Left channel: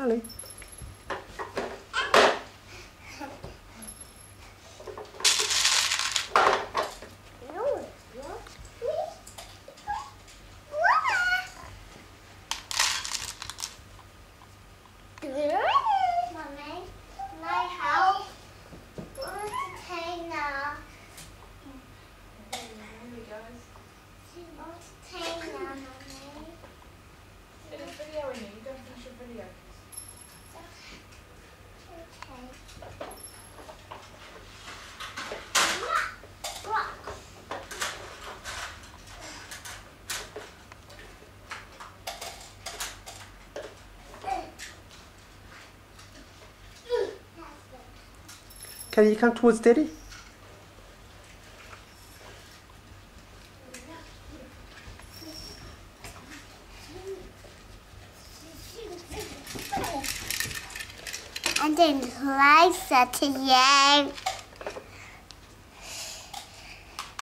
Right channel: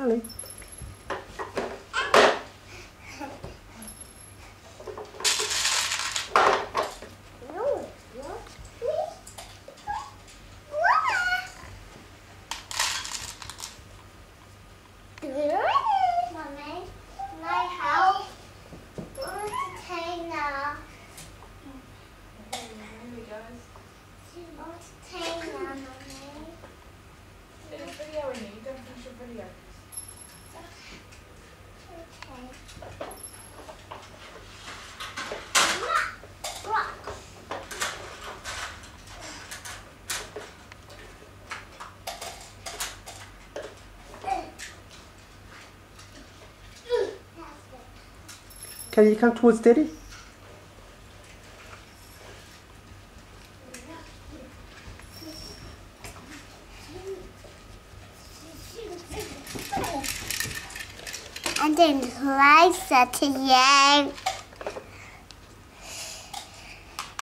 Callie. Mummy, can I help? What's the container? Here we go. What's the container, Mummy? There's a video in here. You don't finish your video. Okay. Rock. Callie, you come towards Daddy. I didn't like that to you.